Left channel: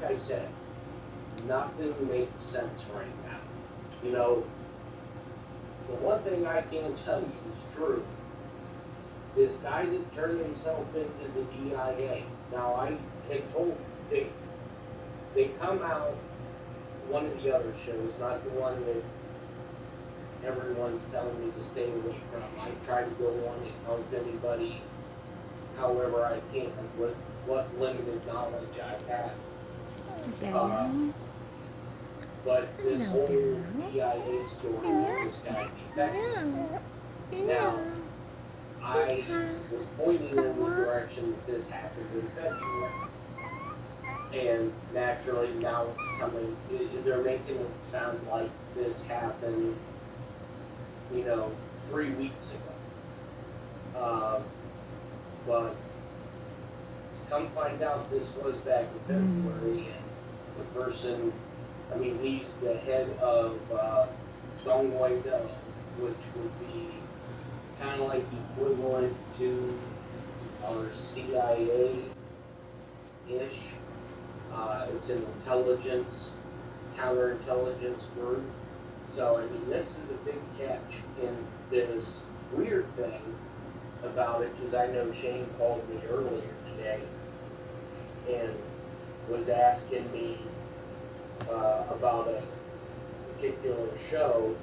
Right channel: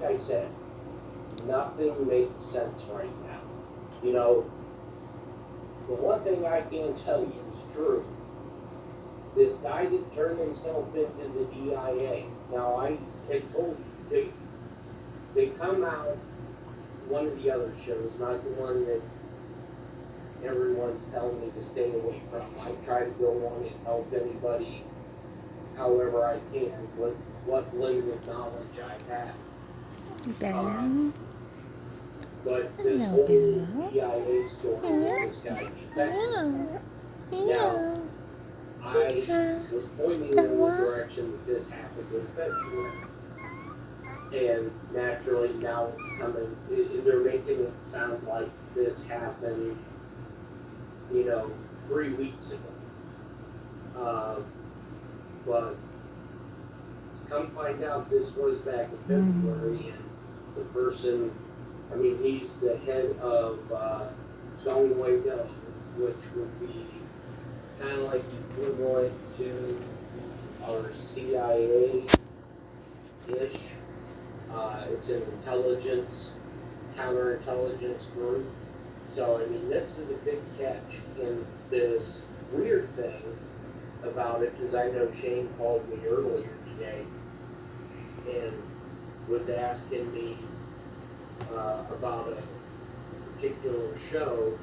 like I said, nothing makes sense right now. You know, the one thing I can tell you is true. This guy that turned himself into the DIA. Now I had told they come out one of the other shows, not the one that everyone's telling me to stay away from. I try to go on and help anybody however I can with what limited knowledge I have. Bella. But this Hello, whole Bella. DIA story with this guy defected. Now, Hello. I was pointing in the direction that this happened in February. And naturally now it's coming, they're making it sound like this happened, 3 weeks ago. But come find out this was back in February, and the person, he's the head of Dongwei Do, which would be kind of like equivalent to our CIA-ish. It's an intelligence, counterintelligence group. So, this is a big catch. And this weird thing about it, because I know Shane called me earlier today and was asking me about a particular show,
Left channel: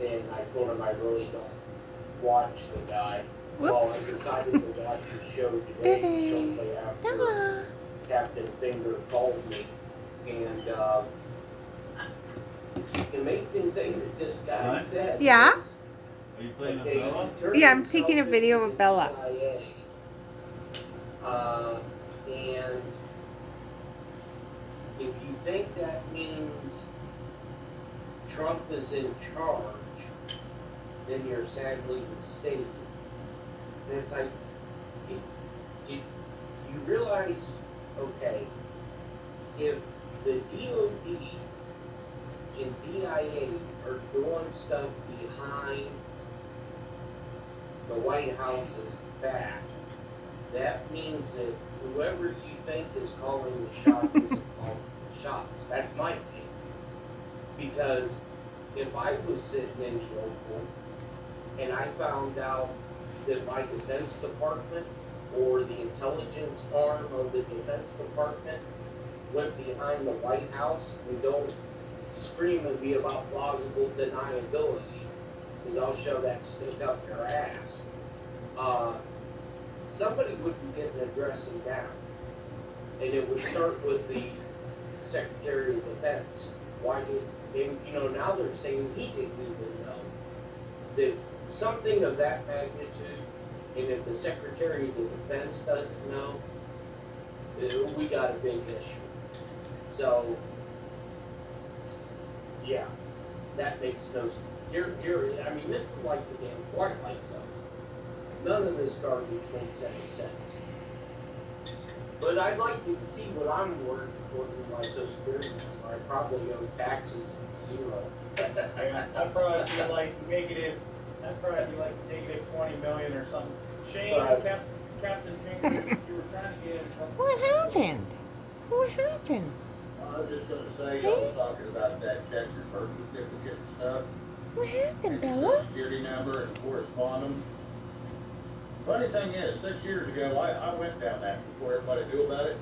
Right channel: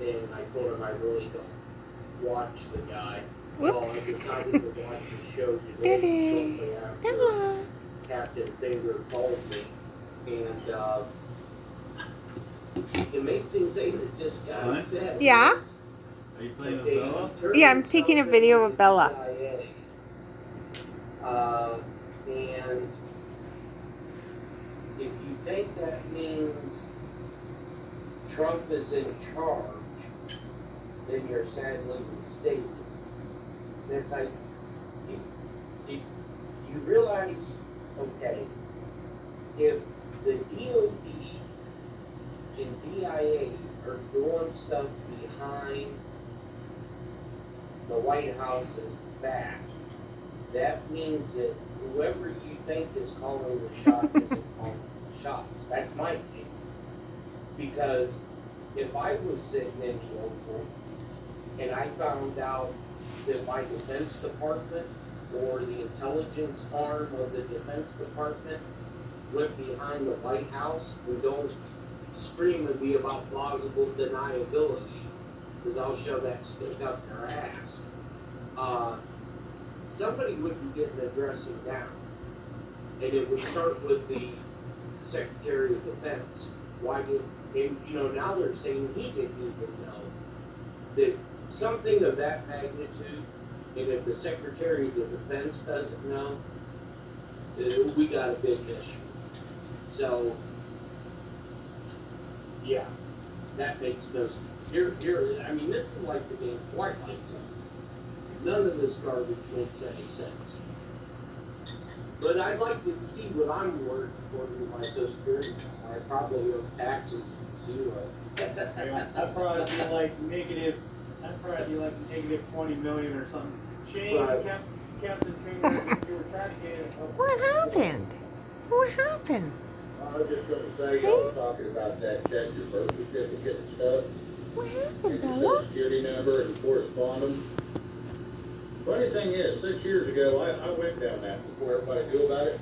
and I told him I really don't watch the guy. Whoops. Well, I decided to watch the show today Baby. shortly after Bella. Captain Finger called me, and the amazing thing that this guy What? said. Yeah? Are you playing with Bella? Yeah, I'm taking a video of Bella. And if you think that means Trump is in charge, then you're sadly mistaken. And it's like, you realize, okay, if the DOD and DIA are doing stuff behind the White House's back, that means that whoever you think is calling the shots isn't calling the shots. That's my opinion. Because if I was sitting in Global and I found out that my Defense Department or the intelligence arm of the Defense Department went behind the White House, and don't scream at me about plausible deniability, because I'll shove that stick up your ass. Somebody would be getting a dressing down, and it would start with the Secretary of Defense. Why did, now they're saying he didn't even know that something of that magnitude, and if the Secretary of Defense doesn't know, we got a big issue. So, yeah, that makes no sense. This is like the damn Twilight Zone. None of this garbage makes any sense. But I'd like to see what I'm worth according to my Social Security number. I probably owe taxes at zero. I'd probably be like negative, $20 million or something. Shane, Right. Captain Finger, you were trying to get in. What happened? What happened? I was just gonna say, I was talking about that Texas birth certificate and stuff, What happened, and the Bella? Social Security number and correspondence. Funny thing is, 6 years ago, I went down that before everybody knew about it.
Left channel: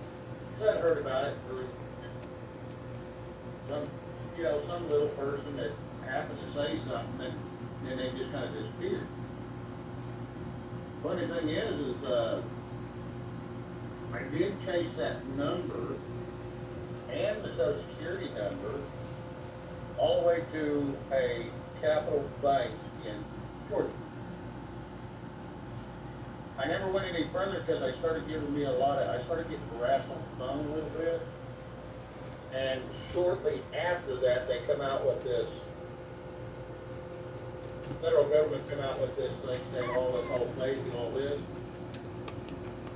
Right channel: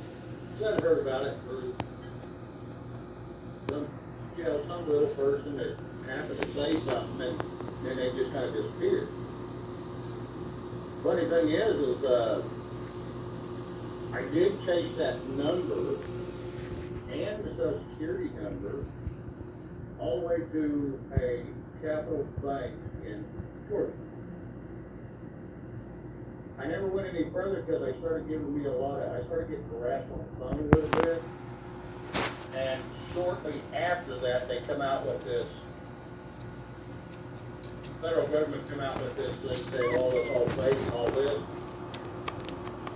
So I'd heard about it through some little person that happened to say something, and then they just kind of disappeared. Funny thing is I did chase that number and the Social Security number all the way to a Capital Bank in Georgia. I never went any further because I started getting harassed on the phone a little bit. And shortly after that, they come out with this, the federal government come out with this thing saying all this all fake and all this.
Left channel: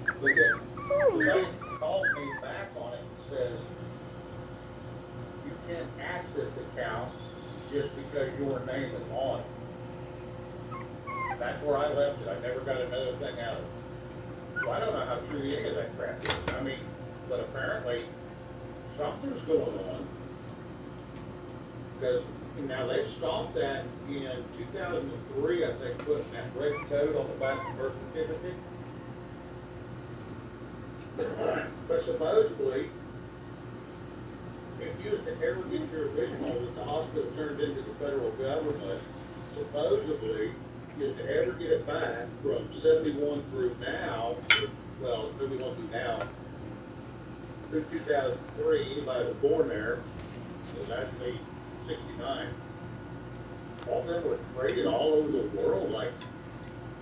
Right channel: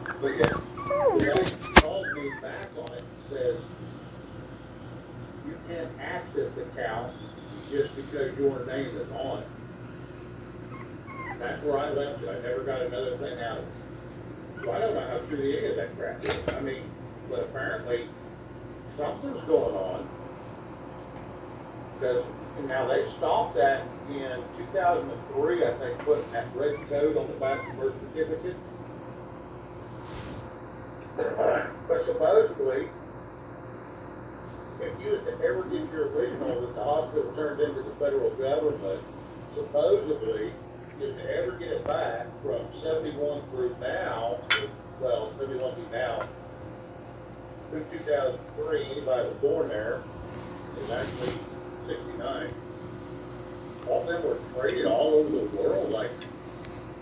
But then the bank calls me back on it and says, you can't access the account just because your name is on it. That's where I left it. I never got another thing out of it. So I don't know how true any of that crap is. But apparently something's going on. Because now they stopped that in 2003, I think, putting that red code on the back of the birth certificate. But supposedly, if you was to ever get your original that the hospital turned into the federal government, supposedly, you was to ever get it back from 71 through now, well, 71 through now, through 2003, anybody that was born there, it was actually 69. All of them were traded all over the world, like